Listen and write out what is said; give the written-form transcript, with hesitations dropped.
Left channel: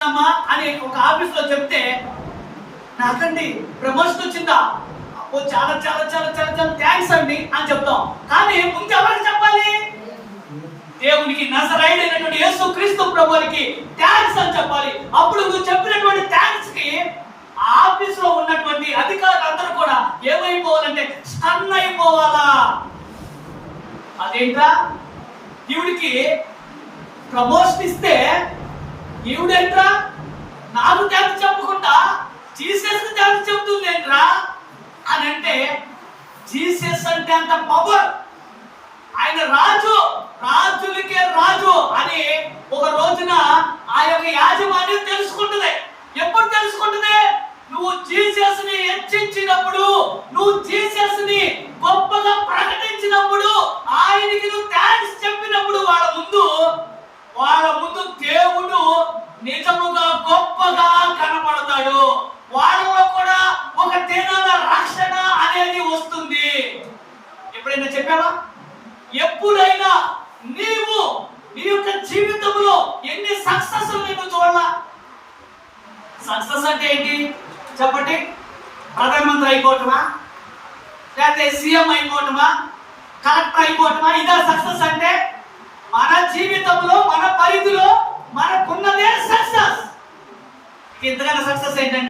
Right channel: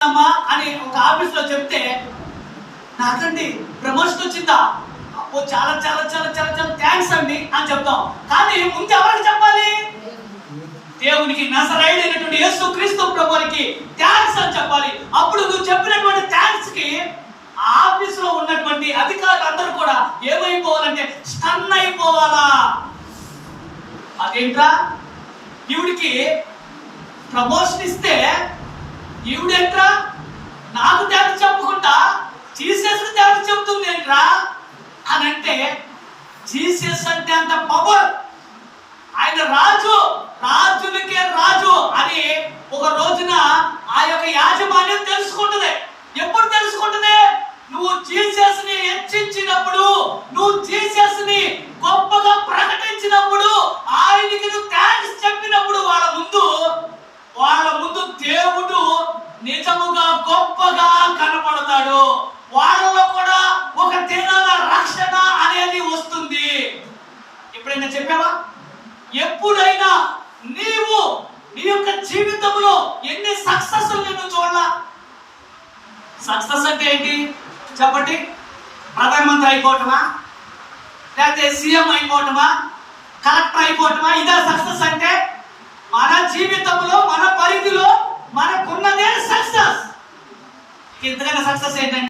అని ఒక ఆఫీస్ లో చెప్తే నాకండి ప్రమోషన్ వచ్చిందా, అబ్బో చాలా చాలా చాలా చాలా చాలా థ్యాంక్స్ అండి అని చెప్తాం. కానీ ముందు ఎవరికి చెప్పాలి? దేవునికి నజరేయుడైనటువంటి యేసుక్రీస్తు ప్రభువుకి థ్యాంక్స్ అని చెప్పాలి. అప్పుడు నువ్వు చెప్పినటువంటి థ్యాంక్స్ కి ఆఫీస్ లో ఉన్నటువంటి అధికారులందరూ కూడా ఏమైపోవాలంటే స్టన్ అయిపోవాలా. అదేంట్రా, ఈవిడికి ప్రమోషన్ ఇస్తే ఈవిడేంట్రా నాకు థ్యాంక్స్ చెప్పుకుంటా జీసస్ థ్యాంక్స్ చెప్తుంది ఏంట్రా అని అంటే, జీసస్ అంటే అంత పవర్, ఆయన రాజు, రాజులకే రాజు అని ఒక రోజున ఆ యొక్క యాజమాన్యం తెలుసుకుంటుంది. ఎప్పుడు తెలుసుకుంటుంది? నువ్వు జీసస్ ని హెచ్చించినప్పుడు, నువ్వు జీసస్ ని గొప్పగా ప్రకటించినప్పుడు, ఆయనకి నువ్వు థ్యాంక్స్ చెప్పినప్పుడు వాళ్ళ ముందు దేవుడు నిజముగా గొప్పగా కనపడతాడు. వాళ్ళలో కూడా ఒక దినాల రక్షణ అనేది వస్తుంది. ఎప్పుడైనా చెప్పావా? ఎప్పుడైనా నీవు నీ యొక్క జీవితంలో ఎన్ని సక్సెస్ నువ్వు చూడాలా? సక్సెస్ అంటే ఏంటి చెప్పండి? ప్రధానమంత్రి అయిపోవటమా, లేకపోతే సీఎం అయిపోవటమా, కలెక్టర్ అయిపోవటమా? ఇదా సక్సెస్ అంటే? మన జీవితంలో మన పరిధిలో మనకున్నదే సక్సెస్. ఇంతకన్నా సక్సెస్ ఏంటంటే